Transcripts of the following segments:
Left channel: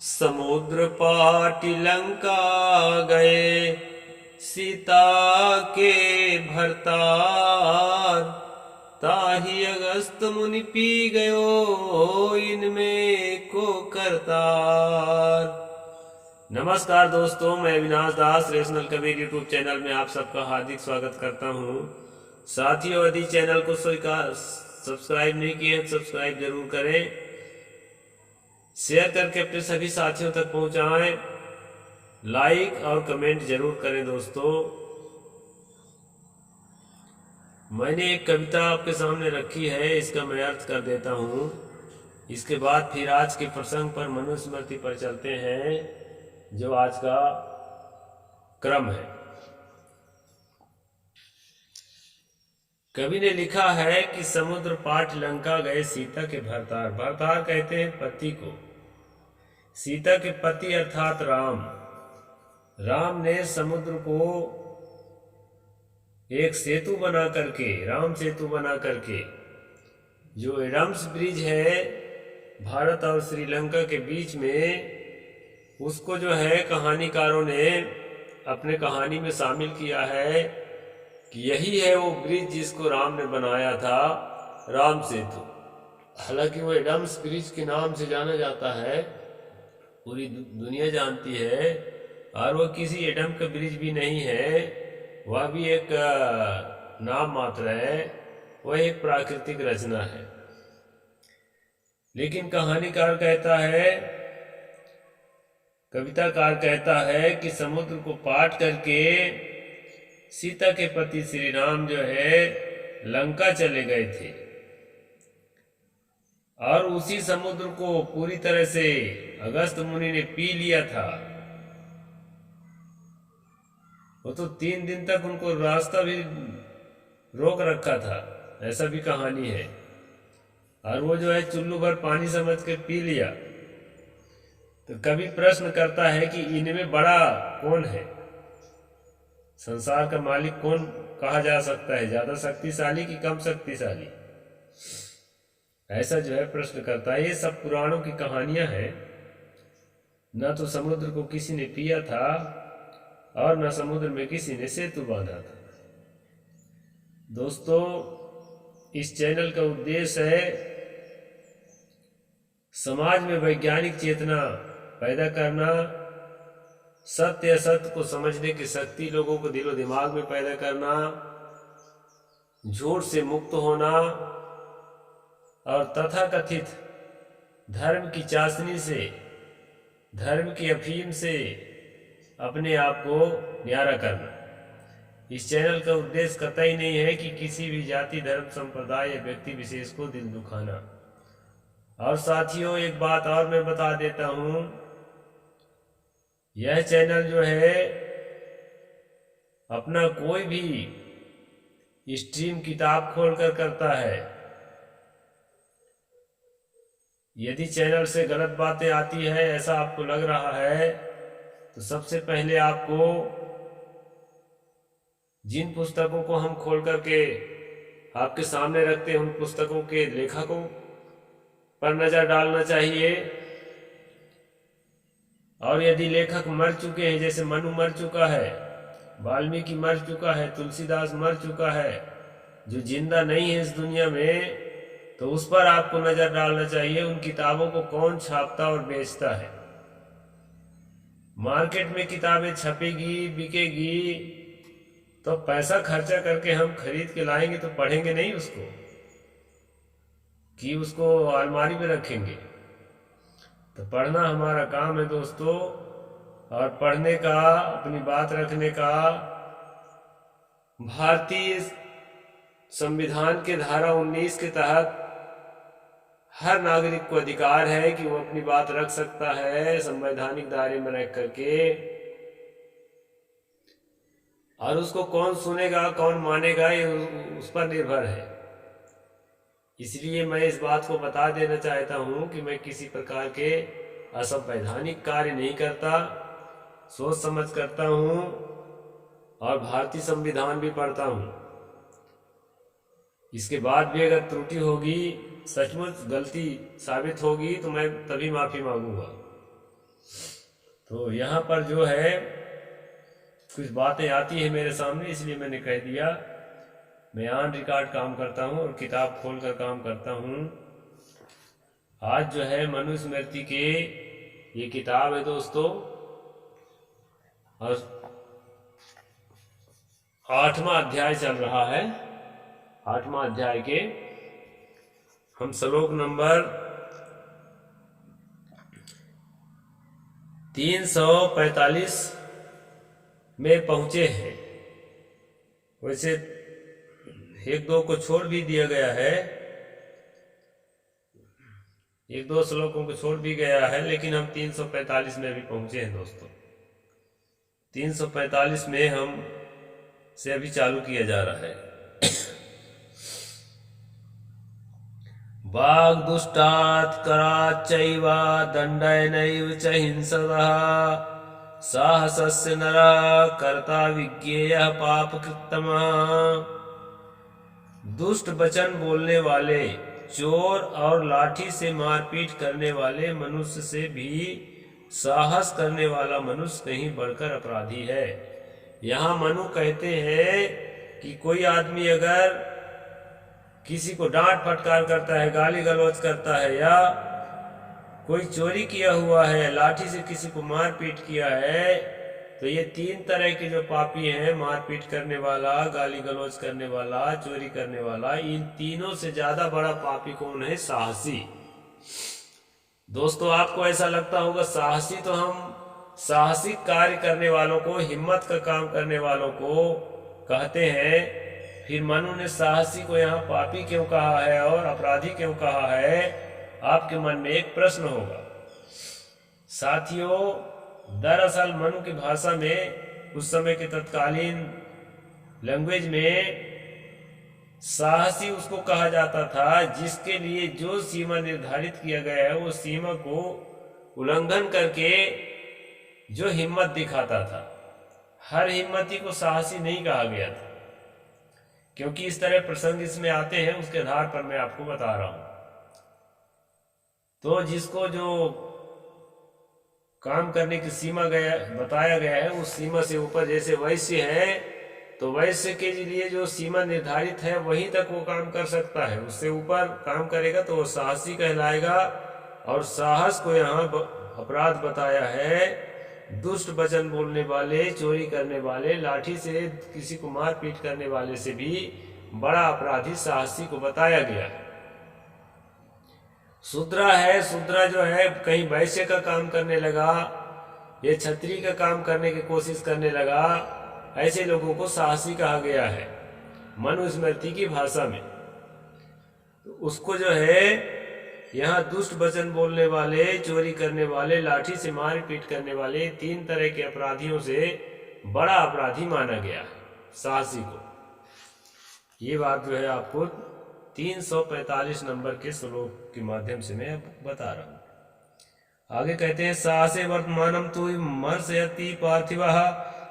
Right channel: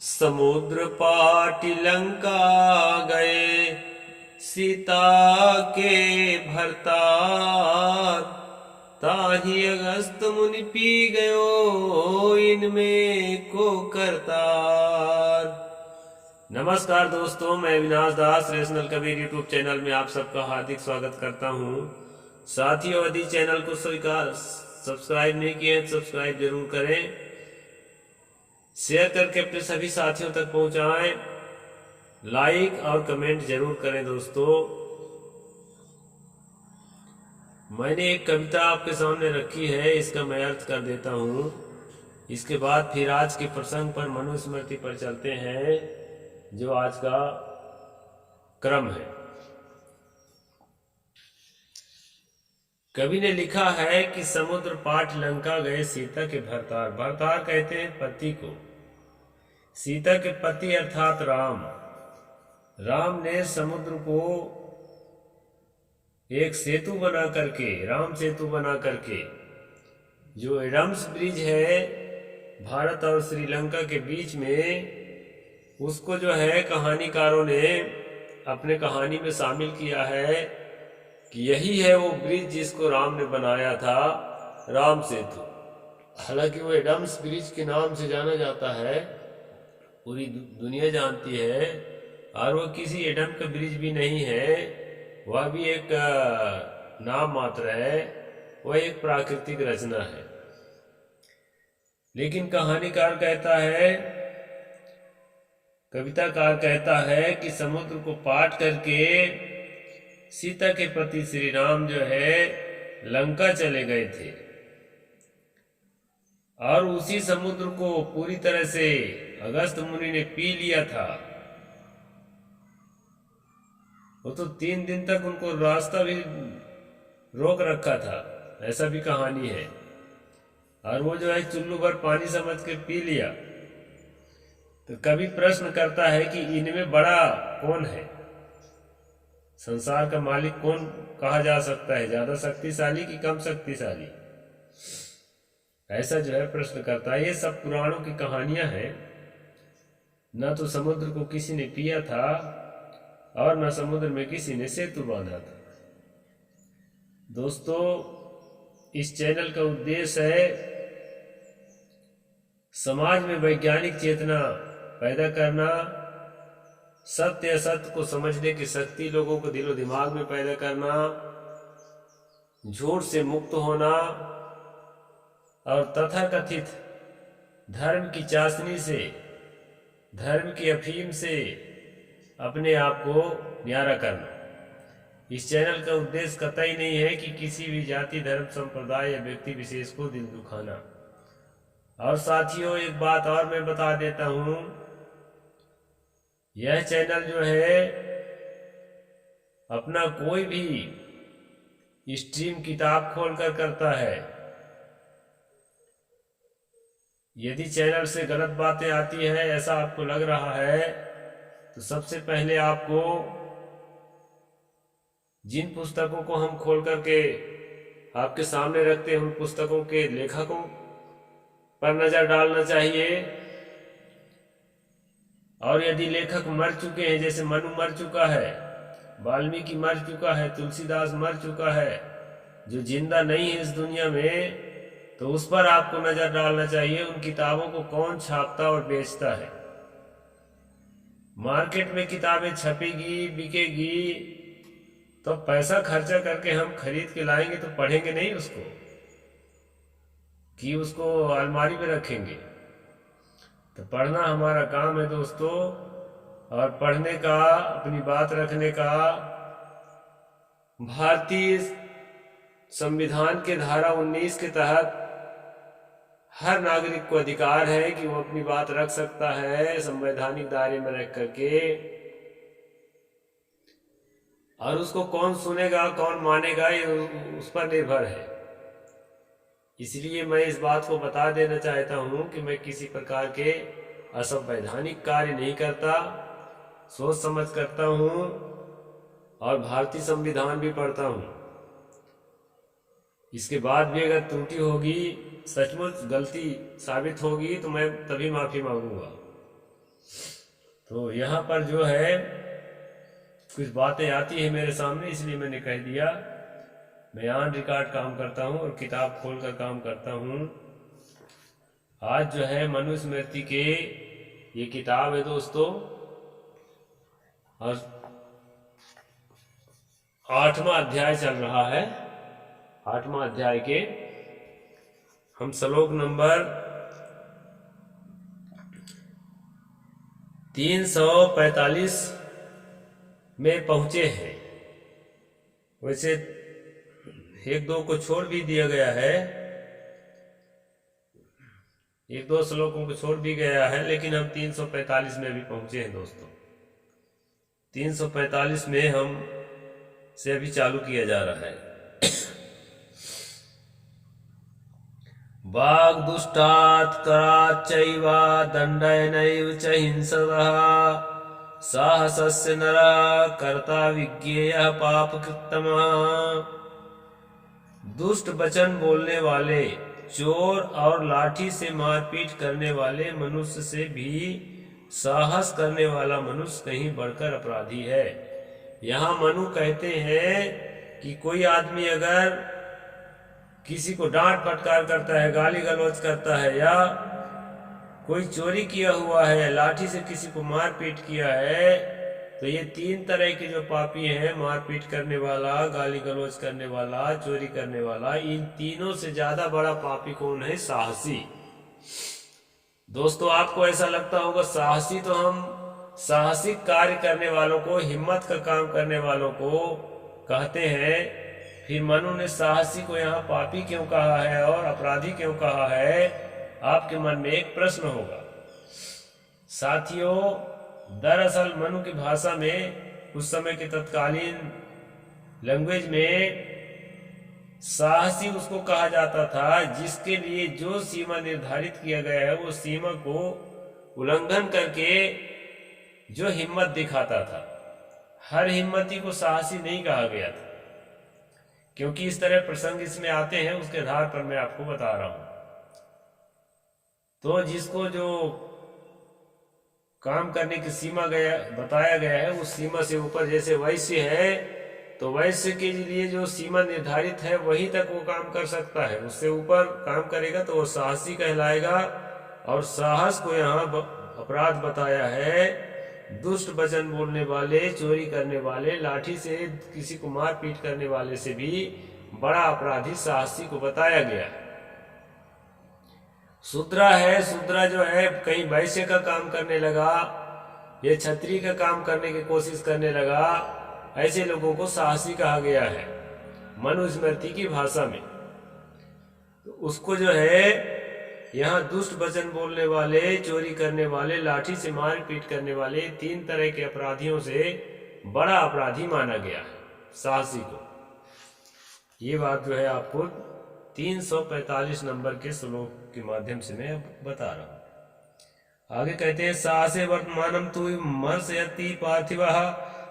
समुद्र पाटी लंका गए, सीता के भरतार। ताहि अगस्त मुनि पी गयो, इनमें को करतार। नमस्कार दोस्तों, मैं अविनाश दास रेशनल कबीर यूट्यूब चैनल में आप सबका हार्दिक स्वागत करता हूं। साथियों, यदि चैनल को सब्सक्राइब नहीं किए हैं, सब्सक्राइब जरूर करें, शेयर करके अपने सभी साथियों तक पहुंचाएं, लाइक और कमेंट जरूर करें। दोस्तों, मैंने एक कविता आपके सामने रखी है, इसका मैं अर्थ कर देता हूं। इसके बाद फिर आज के प्रसंग पर, मनुस्मृति पर चलते हैं, जो आज का क्रम है। कवि ने लिखा है कि समुद्र पाट लंका गए, सीता के भरतार। भरतार कहते हैं पति को। सीता के पति अर्थात राम। राम ने समुद्र को एक सेतु बना करके, राम सेतु बना करके, जो एडम्स ब्रिज है भारत और श्रीलंका के बीच में, उसको जो है कहानीकारों ने अपने कहानी में शामिल किया है कि यही है वो ब्रिज जिसको राम ने बनाया था, राम सेतु। हालांकि वो एडम्स ब्रिज के नाम से जाना जाता है, पूरी दुनिया जानती है, और वह किसी एडम का ब्रिज भी नहीं है, वह भी एक नाम मात्र है, वह एक प्राकृतिक रचना है। लेकिन कहानीकार कहता है, कविताकार कहता है कि समुद्र को पाट करके सीता के पति श्री राम जो है लंका चले गए थे, और उसी समुद्र को पूरी तरह से अगस्त मुनि ने पी लिया था। वो तो 3 दिन तक उनको रास्ता भी रोक रखा था, ऐसा भी कहानी है। और वो जो है चुल्लू भर पानी समझ के पी लिया। तो कभी प्रश्न करता है कि इनमें बड़ा कौन है, संसार का मालिक कौन कहा जा सकता है, ज्यादा शक्तिशाली कि कम शक्तिशाली? ऐसा जो है प्रश्न करता है। ये सब पुराणों की कहानियां हैं। न तो समुद्र को किसी ने पिया था, और न समुद्र में किसी ने सेतु बांधा था। दोस्तों, इस चैनल का उद्देश्य है समाज में वैज्ञानिक चेतना पैदा करना, सत्य असत्य को समझने की शक्ति लोगों को दिलो दिमाग में पैदा करना, झूठ से मुक्त होना, और तथाकथित धर्म की चाशनी से, धर्म की अफीम से अपने आप को न्यारा करना। इस चैनल का उद्देश्य कतई नहीं है कि किसी भी जाति, धर्म, संप्रदाय या व्यक्ति विशेष को दिल दुखाना। और साथियों, एक बात और मैं बता देता हूं, यह चैनल जो है अपना कोई भी स्ट्रीम किताब खोलकर करता है। यदि चैनल से गलत बातें आती है, ऐसा आपको लग रहा है, तो सबसे पहले आपको जिन पुस्तकों को हम खोल करके आपके सामने रखते हैं, उन पुस्तकों के लेखकों पर नजर डालना चाहिए। और यदि लेखक मर चुके हैं, जैसे मनु मर चुका है, वाल्मीकि मर चुका है, तुलसीदास मर चुका है, जो जिंदा नहीं है इस दुनिया में, तो उस पर आपको नजर डालना चाहिए। उन किताबों को कौन छापता और बेचता है? मार्केट में किताबें छपेगी, बिकेगी, तो पैसा खर्चा करके हम खरीद के लाएंगे तो पढ़ेंगे नहीं उसको, कि उसको अलमारी में रखेंगे? तो पढ़ना हमारा काम है दोस्तों, और पढ़ने का, अपनी बात रखने का भारतीय संविधान के धारा 19 के तहत हर नागरिक को अधिकार है कि वो अपनी बात रख सकता है, संवैधानिक दायरे में रख करके। और उसको कौन सुनेगा, कौन मानेगा, ये उस पर निर्भर है। इसलिए मैं इस बात को बता देना चाहता हूं कि मैं किसी प्रकार के असंवैधानिक कार्य नहीं करता, सोच समझ करता हूं, और भारतीय संविधान भी पढ़ता हूं। इसके बाद भी अगर त्रुटि होगी, सचमुच गलती साबित होगी, तो मैं तभी माफ़ी मांगूंगा। तो यहाँ पर जो है कुछ बातें आती है मेरे सामने, इसलिए मैंने कह दिया। मैं ऑन रिकॉर्ड काम करता हूँ और किताब खोल कर काम करता हूँ। आज जो है मनुस्मृति के ये किताब है दोस्तों, और 8वां अध्याय चल रहा है। 8वां अध्याय के हम श्लोक नंबर 345 में पहुंचे हैं। वैसे एक दो को छोड़ भी दिया गया है, एक दो श्लोकों को छोड़ भी गया है, लेकिन हम 345 में भी पहुंचे हैं दोस्तों। 345 में हम से अभी चालू किया जा रहा है। वाग् दुष्टात् कराच्च चैव दण्डनैव च हिंसतः साहसस्य नरा कर्ता विज्ञेयः पापकृत्तमः। दुष्ट वचन बोलने वाले, चोर और लाठी से मारपीट करने वाले मनुष्य से भी साहस करने वाला मनुष्य कहीं बढ़कर अपराधी है। यहाँ मनु कहते हैं कि कोई आदमी अगर किसी को डांट फटकार करता है, गाली गलौज करता है, या कोई चोरी किया हुआ है, लाठी से किसी को मारपीट किया है, तो ये 3 तरह के जो पापी हैं, मारपीट करने वाला, गाली गलौज करने वाला, चोरी करने वाला, इन तीनों से ज्यादा बड़ा पापी कौन है? साहसी। दोस्तों आपको ऐसा लगता होगा साहसी तो हम साहसिक कार्य करने वालों को, हिम्मत का काम करने वालों को कहते हैं, फिर मनु ने साहसी को यहाँ पापी क्यों कहा है और अपराधी क्यों कहा है? आपके मन में एक प्रश्न होगा। साथियों, दरअसल मनु की भाषा में, उस समय के तत्कालीन लैंग्वेज में, साहसी उसको कहा जाता था जिसके लिए जो सीमा निर्धारित किया गया है वो सीमा को उल्लंघन करके जो हिम्मत दिखाता था। हर हिम्मती को साहसी नहीं कहा गया था, क्योंकि इस तरह प्रसंग इसमें आते हैं, उसके आधार पर मैं आपको बता रहा हूं। तो जिसको जो काम करने की सीमा बताया गया है, उस सीमा से ऊपर, जैसे वैश्य है तो वैश्य के लिए जो सीमा निर्धारित है वहीं तक वो काम कर सकता है, उससे ऊपर काम करेगा तो वो साहसी कहलाएगा। और साहस को यहाँ अपराध बताया है। दुष्ट वचन बोलने वाले, चोरी करने वाले, लाठी से किसी को मारपीट करने वाले से भी बड़ा अपराधी साहसी को बताया गया। शूद्रा है, शूद्रा जो है कहीं वैश्य का काम करने लगा, ये क्षत्रिय का काम करने की कोशिश करने लगा, ऐसे लोगों को साहसी कहा गया है मनुस्मृति की भाषा में। तो उसको जो है यहाँ दुष्ट वचन बोलने वाले, चोरी करने वाले, लाठी से मार पीट करने वाले, 3 तरह के अपराधियों से बड़ा अपराधी माना गया है साहसी को। ये बात जो है आपको 345 नंबर के श्लोक के माध्यम से मैं बता रहा हूं। आगे कहते हैं, साहसे वर्तमानम तु मर्शयति पार्थिवः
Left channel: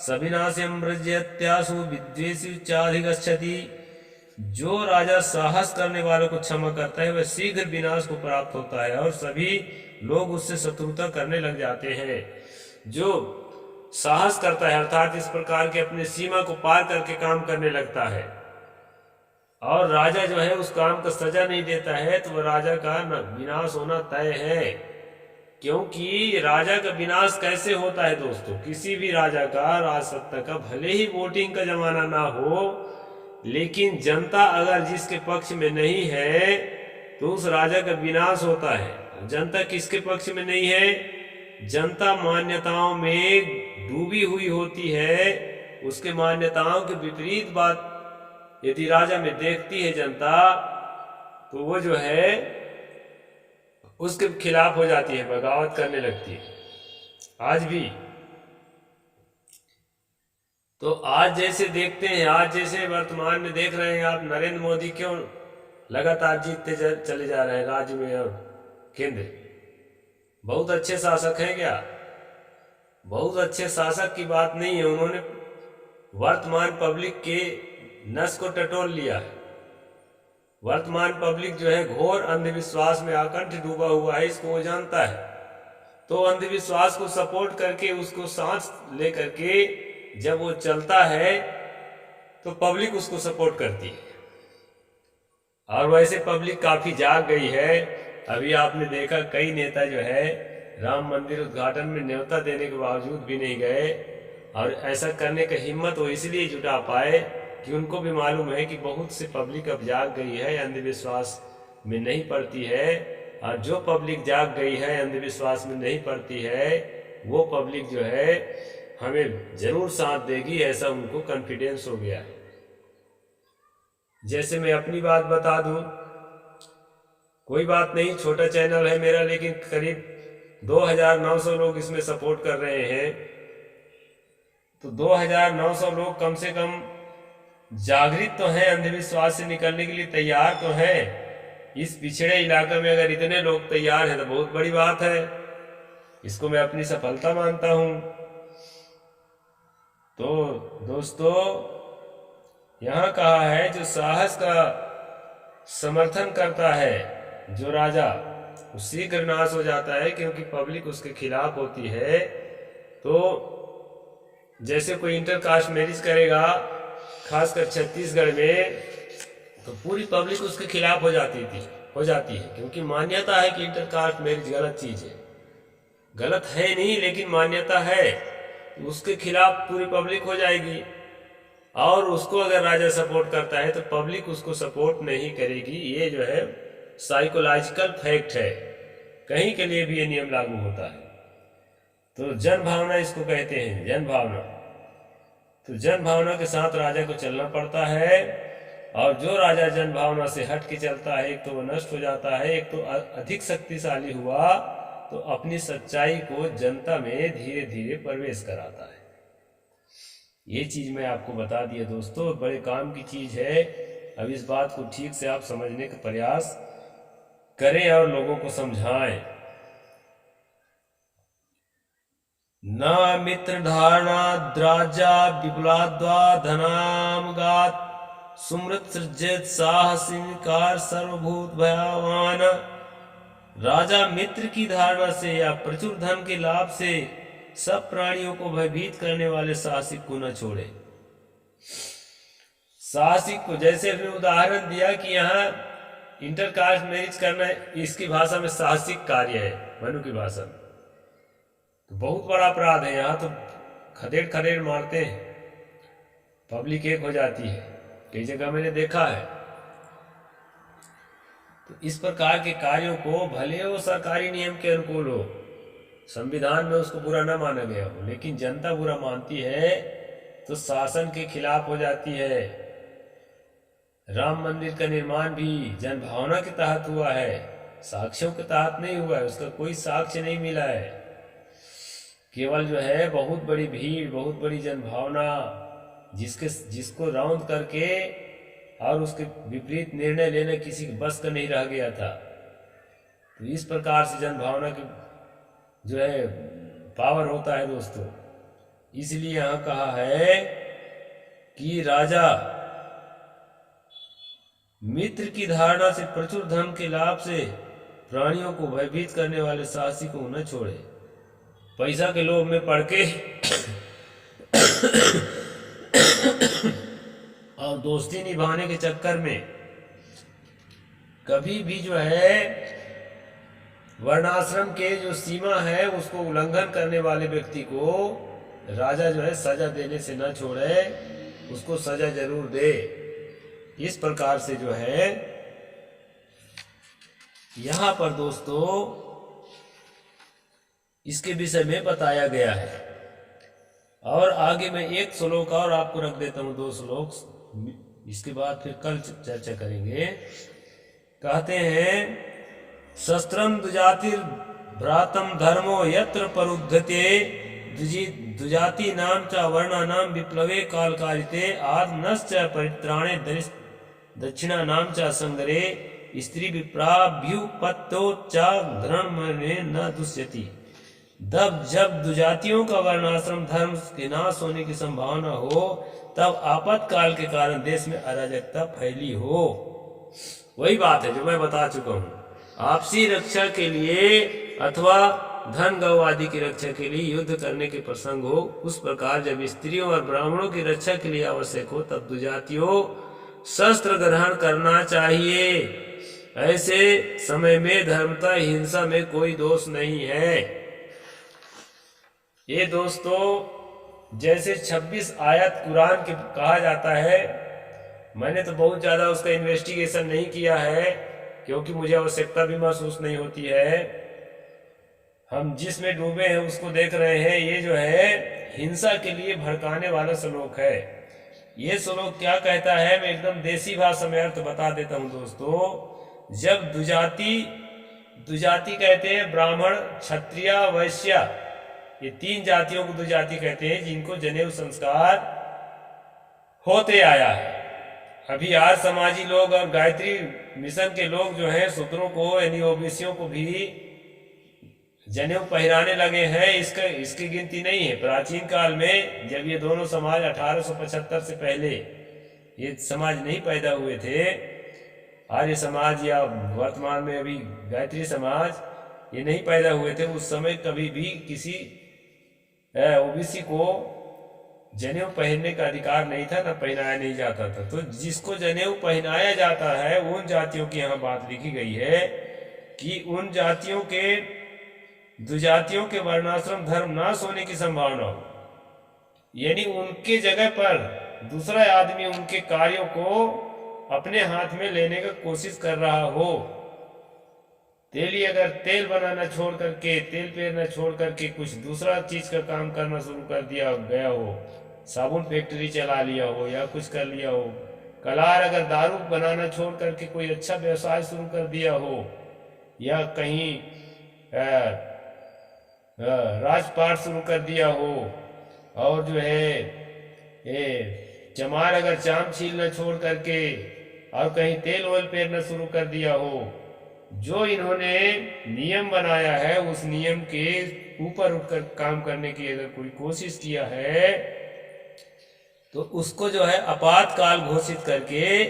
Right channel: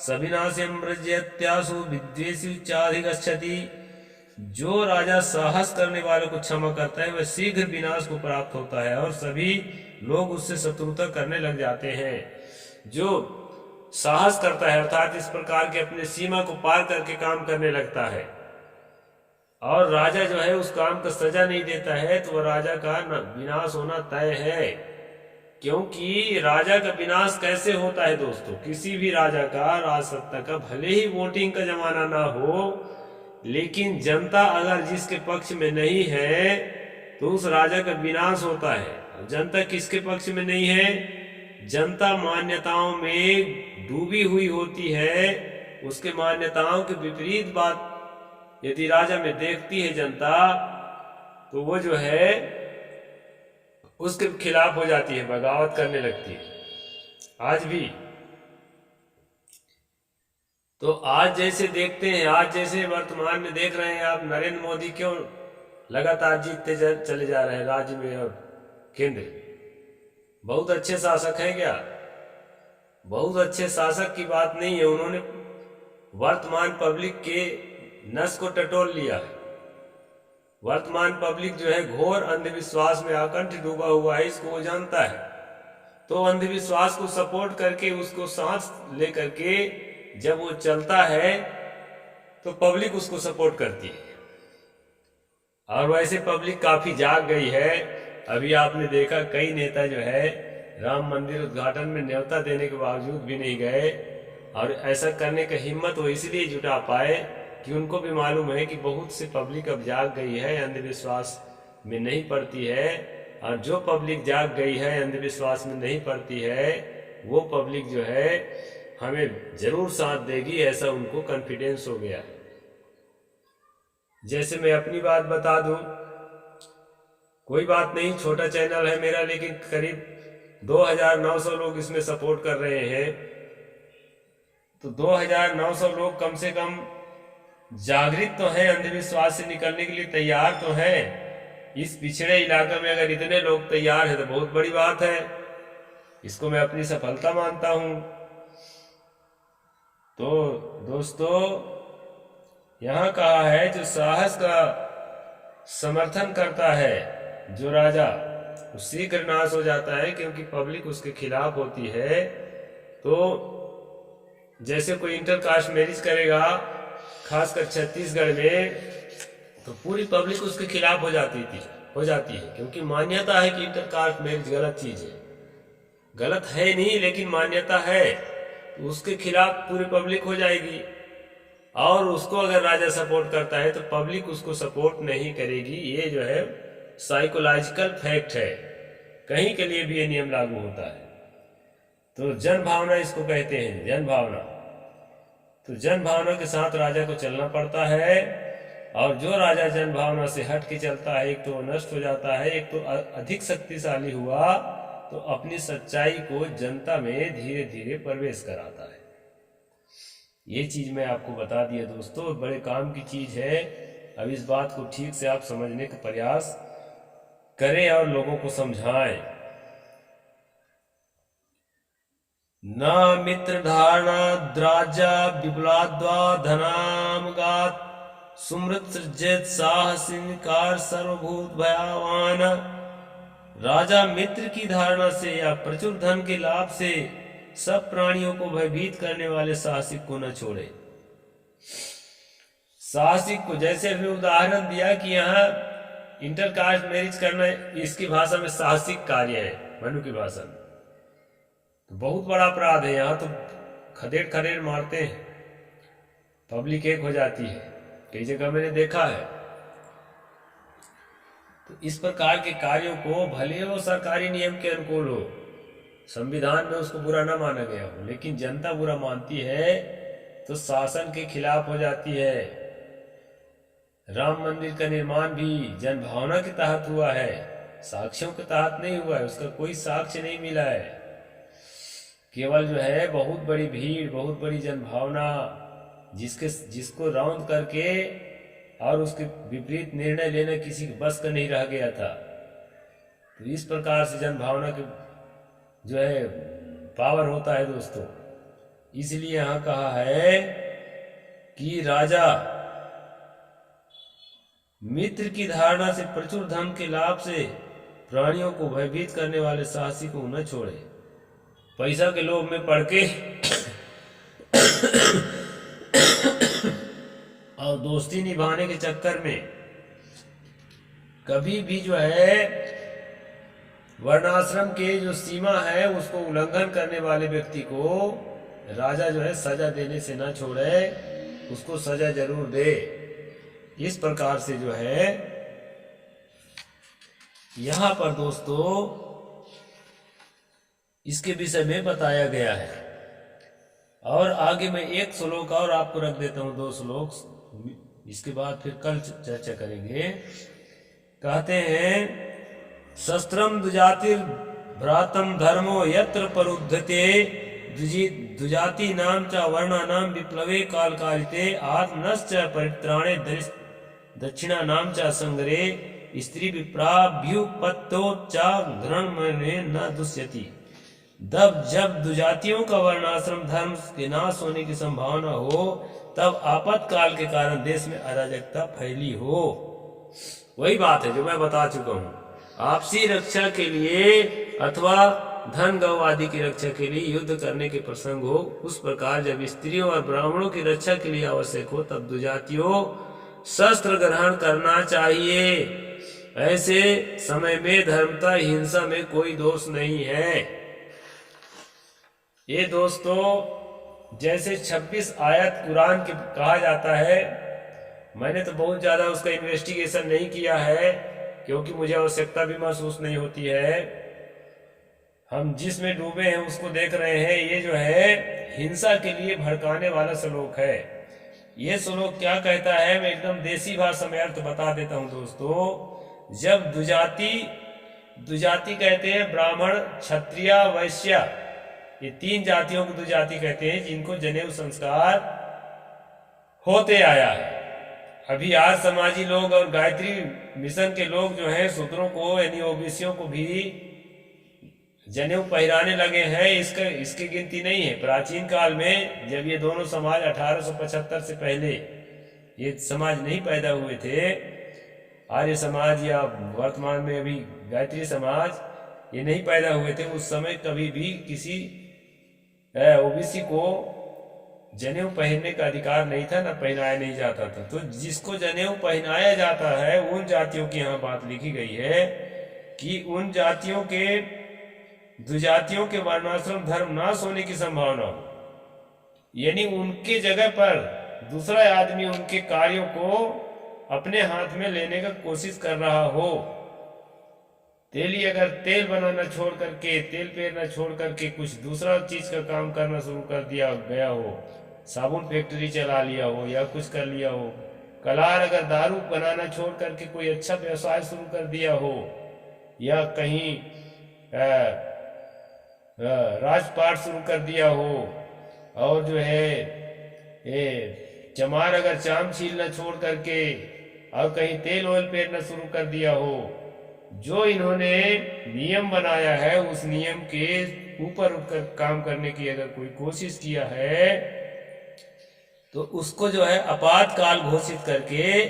सविनाश्यम व्रजत्यासु विद्वेषी चाधिगच्छति। जो राजा साहस करने वालों को क्षमा करता है वह शीघ्र विनाश को प्राप्त होता है और सभी लोग उससे शत्रुता करने लग जाते हैं। जो साहस करता है अर्थात इस प्रकार के अपने सीमा को पार करके काम करने लगता है और राजा जो है उस काम का सजा नहीं देता है, तो वह राजा का विनाश होना तय है। क्योंकि राजा का विनाश कैसे होता है दोस्तों? किसी भी राजा का, राजसत्ता का, भले ही वोटिंग का जमाना ना हो, लेकिन जनता अगर जिसके पक्ष में नहीं है तो उस राजा का विनाश होता है। जनता किसके पक्ष में नहीं है? जनता मान्यताओं में डूबी हुई होती है। उसके मान्यताओं के विपरीत बात यदि राजा में देखती है जनता, तो वो जो है उसके खिलाफ हो जाती है, बगावत करने लगती है। आज भी तो आज जैसे देखते हैं, आज जैसे वर्तमान में देख रहे हैं आप, नरेंद्र मोदी क्यों लगातार जीतते चले जा रहे हैं राज्य में और केंद्र। बहुत अच्छे शासक हैं क्या? बहुत अच्छे शासक की बात नहीं है, उन्होंने वर्तमान पब्लिक के नस को टटोल लिया है। वर्तमान पब्लिक जो है घोर अंधविश्वास में आकंठ डूबा हुआ है, इसको वो जानता है। तो अंधविश्वास को सपोर्ट करके उसको सांस ले करके जब वो चलता है तो पब्लिक उसको सपोर्ट करती है। और वैसे पब्लिक काफी जाग गई है। अभी आपने देखा कई नेता जो है राम मंदिर उद्घाटन में न्योता देने के बावजूद भी नहीं गए, और ऐसा करने का हिम्मत वो इसलिए जुटा पाए कि उनको भी मालूम है कि बहुत से पब्लिक अब जाग गई है, अंधविश्वास में नहीं पड़ती है। और जो पब्लिक जाग गई है, अंधविश्वास में नहीं पड़ती है, वो पब्लिक जो है हमें जरूर साथ देगी, ऐसा उनको कॉन्फिडेंस हो गया है। जैसे मैं अपनी बात बता दूं, कोई बात नहीं, छोटा चैनल है मेरा, लेकिन करीब 2900 लोग इसमें सपोर्ट कर रहे हैं। तो 2900 लोग कम से कम जागृत तो हैं, अंधविश्वास से निकलने के लिए तैयार तो हैं। इस पिछड़े इलाके में अगर इतने लोग तैयार हैं तो बहुत बड़ी बात है, इसको मैं अपनी सफलता मानता हूं। तो दोस्तों, यहां कहा है जो साहस का समर्थन करता है जो राजा, वो शीघ्र नाश हो जाता है, क्योंकि पब्लिक उसके खिलाफ होती है। तो जैसे कोई इंटरकास्ट मैरिज करेगा, खासकर छत्तीसगढ़ में, तो पूरी पब्लिक उसके खिलाफ हो जाती है, क्योंकि मान्यता है कि इंटरकास्ट मैरिज गलत चीज है। गलत है नहीं, लेकिन मान्यता है, तो उसके खिलाफ पूरी पब्लिक हो जाएगी। और उसको अगर राजा सपोर्ट करता है तो पब्लिक उसको सपोर्ट नहीं करेगी। ये जो है साइकोलॉजिकल फैक्ट है, कहीं के लिए भी ये नियम लागू होता है। तो जन भावना इसको कहते हैं, जन भावना। तो जन भावना के साथ राजा को चलना पड़ता है, और जो राजा जन भावना से हट के चलता है, एक तो वो नष्ट हो जाता है, एक तो अधिक शक्तिशाली हुआ तो अपनी सच्चाई को जनता में धीरे धीरे प्रवेश कराता है। ये चीज मैं आपको बता दिया दोस्तों, बड़े काम की चीज है। अब इस बात को ठीक से आप समझने का प्रयास करें और लोगों को समझाएं। न मित्र धारणा द्राजा विपुलाद्वा धनामगात सुमृत सृजित साहसिकार सर्वभूत भयावान। राजा मित्र की धारणा से या प्रचुर धन के लाभ से सब प्राणियों को भयभीत करने वाले साहसिक को न छोड़े। साहसिक को, जैसे हमने उदाहरण दिया कि यहाँ इंटरकास्ट मैरिज करना, इसकी भाषा में साहसिक कार्य है, मनु की भाषा में, तो बहुत बड़ा अपराध है। यहाँ तो खदेड़ खदेड़ मारते हैं, पब्लिक एक हो जाती है, कई जगह मैंने देखा है। तो इस प्रकार के कार्यों को, भले वो सरकारी नियम के अनुकूल हो, संविधान में उसको बुरा ना माना गया हो, लेकिन जनता बुरा मानती है तो शासन के खिलाफ हो जाती है। राम मंदिर का निर्माण भी जन भावना के तहत हुआ है, साक्ष्यों के तहत नहीं हुआ है, उसका कोई साक्ष्य नहीं मिला है। केवल जो है बहुत बड़ी भीड़, बहुत बड़ी जन भावना, जिसको राउंड करके और उसके विपरीत निर्णय लेना किसी के बस का नहीं रह गया था। तो इस प्रकार से जन भावना के जो है पावर होता है दोस्तों। इसलिए यहाँ कहा है कि राजा मित्र की धारणा से प्रचुर धन के लाभ से प्राणियों को भयभीत करने वाले साहसी को न छोड़े। पैसा के लोभ में पड़ के और दोस्ती निभाने के चक्कर में कभी भी जो है वर्णाश्रम के जो सीमा है उसको उल्लंघन करने वाले व्यक्ति को राजा जो है सजा देने से न छोड़े, उसको सजा जरूर दे। इस प्रकार से जो है यहाँ पर दोस्तों इसके विषय में बताया गया है। और आगे मैं एक श्लोक और आपको रख देता हूँ, 2 श्लोक, इसके बाद फिर कल चर्चा करेंगे। कहते हैं शस्त्रम दुजातिर भ्रातम धर्मो यत्र परुद्धते दुजाति नाम च वर्णा नाम विप्लवे काल कालिते आत्मनश्च परित्राणे दक्षिणा नाम च संगरे स्त्री विप्राभ्युपत्तो च घृण मने न दुष्यति। जब दुजातियों का वर्णाश्रम धर्म के नाश होने की संभावना हो, तब आपातकाल के कारण देश में अराजकता फैली हो। वही बात है जो मैं बता चुका हूँ। आपसी रक्षा के लिए अथवा धन गौ आदि की रक्षा के लिए युद्ध करने के प्रसंग हो, उस प्रकार जब स्त्रियों और ब्राह्मणों की रक्षा के लिए आवश्यक हो तब दुजातियों शस्त्र ग्रहण करना चाहिए। ऐसे समय में धर्मता हिंसा में कोई दोष नहीं है। ये दोस्तों जैसे 26 आयत कुरान के कहा जाता है, मैंने तो बहुत ज़्यादा उसका इन्वेस्टिगेशन नहीं किया है क्योंकि मुझे आवश्यकता भी महसूस नहीं होती है। हम जिसमें डूबे हैं उसको देख रहे हैं। ये जो है हिंसा के लिए भड़काने वाला श्लोक है। ये श्लोक क्या कहता है, मैं एकदम देसी भाषा में अर्थ बता देता हूँ दोस्तों। जब दुजाति कहते हैं ब्राह्मण, क्षत्रिय, वैश्य, ये 3 जातियों को दुजाति कहते हैं जिनको जनेऊ संस्कार होते आया है। अभी आर्य समाजी लोग और गायत्री मिशन के लोग जो हैं शूद्रों को यानी ओबीसियों को भी जनेऊ पहराने लगे हैं। इसकी गिनती नहीं है। प्राचीन काल में जब ये दोनों समाज 1875 से पहले ये समाज नहीं पैदा हुए थे, आर्य समाज या वर्तमान में अभी गायत्री समाज, ये नहीं पैदा हुए थे, उस समय कभी भी किसी ओबीसी को जनेऊ पहनने का अधिकार नहीं था, ना पहनाया नहीं जाता था। तो जिसको जनेऊ पहनाया जाता है उन जातियों की यहाँ बात लिखी गई है कि उन जातियों के दुजातियों के वर्णाश्रम धर्म नाश होने की संभावना हो, यानी उनके जगह पर दूसरा आदमी उनके कार्यों को अपने हाथ में लेने का कोशिश कर रहा हो। तेली अगर तेल बनाना छोड़ करके, तेल पेरना छोड़ करके कुछ दूसरा चीज का काम करना शुरू कर दिया गया हो, साबुन फैक्ट्री चला लिया हो या कुछ कर लिया हो, कलार अगर दारू बनाना छोड़ करके कोई अच्छा व्यवसाय शुरू कर दिया हो, या कहीं राजपाट शुरू कर दिया हो, और जो है चमार अगर चाम छीलना छोड़ करके और कहीं तेल ऑयल पेरना शुरू कर दिया हो, जो इन्होंने नियम बनाया है उस नियम के ऊपर उठकर काम करने की अगर कोई कोशिश किया है तो उसको जो है आपातकाल घोषित करके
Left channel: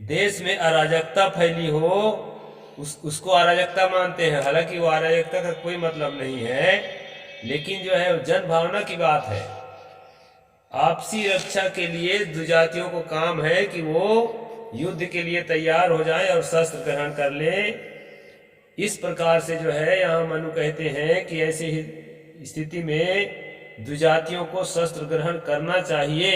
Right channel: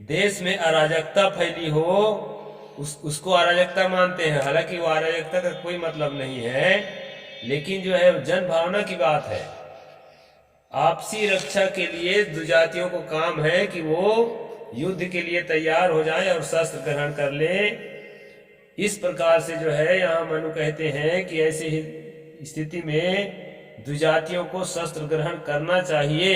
देश में अराजकता फैली हो, उसको अराजकता मानते हैं। हालांकि वो अराजकता का कोई मतलब नहीं है, लेकिन जो है जन भावना की बात है। आपसी रक्षा के लिए दुजातियों को काम है कि वो युद्ध के लिए तैयार हो जाएं और शस्त्र ग्रहण कर लें। इस प्रकार से जो है यहाँ मनु कहते हैं कि ऐसी ही स्थिति में दुजातियों को शस्त्र ग्रहण करना चाहिए।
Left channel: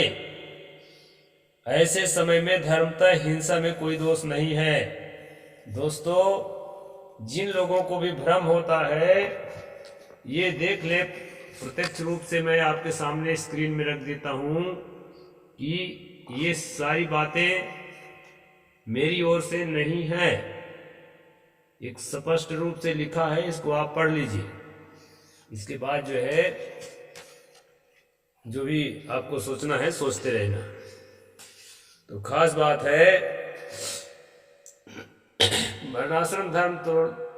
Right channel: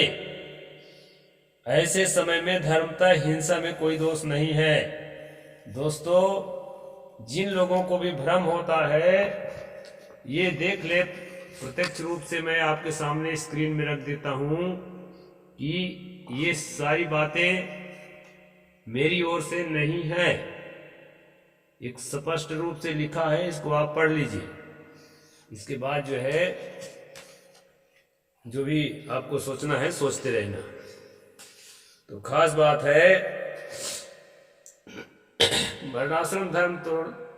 ऐसे समय में धर्मतः हिंसा में कोई दोष नहीं है। दोस्तों, जिन लोगों को भी भ्रम होता है ये देख ले, प्रत्यक्ष रूप से मैं आपके सामने स्क्रीन में रख देता हूँ कि ये सारी बातें मेरी ओर से नहीं है, एक स्पष्ट रूप से लिखा है, इसको आप पढ़ लीजिए। इसके बाद जो है जो भी आपको सोचना है सोचते रहना। तो खास बात है, वर्णाश्रम धर्म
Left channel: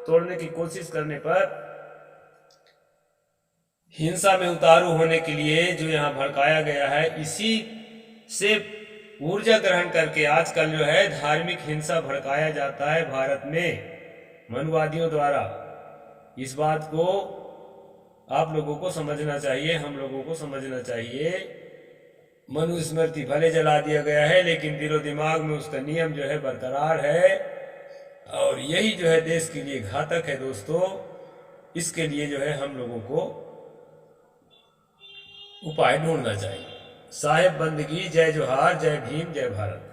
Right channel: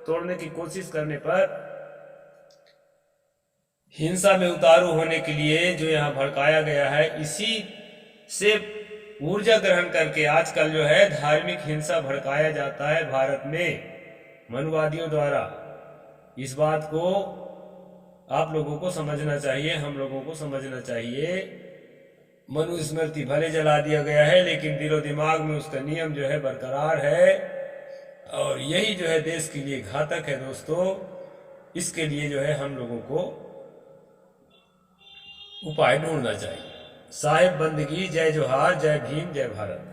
तोड़ने की कोशिश करने पर हिंसा में उतारू होने के लिए जो यहाँ भड़काया गया है, इसी से ऊर्जा ग्रहण करके आजकल जो है धार्मिक हिंसा भड़काया जाता है भारत में मनुवादियों द्वारा। इस बात को आप लोगों को समझना चाहिए, हम लोगों को समझना चाहिए। मनुस्मृति भले जला दिया गया है, लेकिन दिलो दिमाग में उसका नियम जो है बरकरार है, और यही जो है देश के लिए घातक है। दोस्तों, इसके लिए जो है हम लोगों को उपाय ढूंढना चाहिए। साहेब बंदगी, जय जोहार, जय भीम, जय भारत।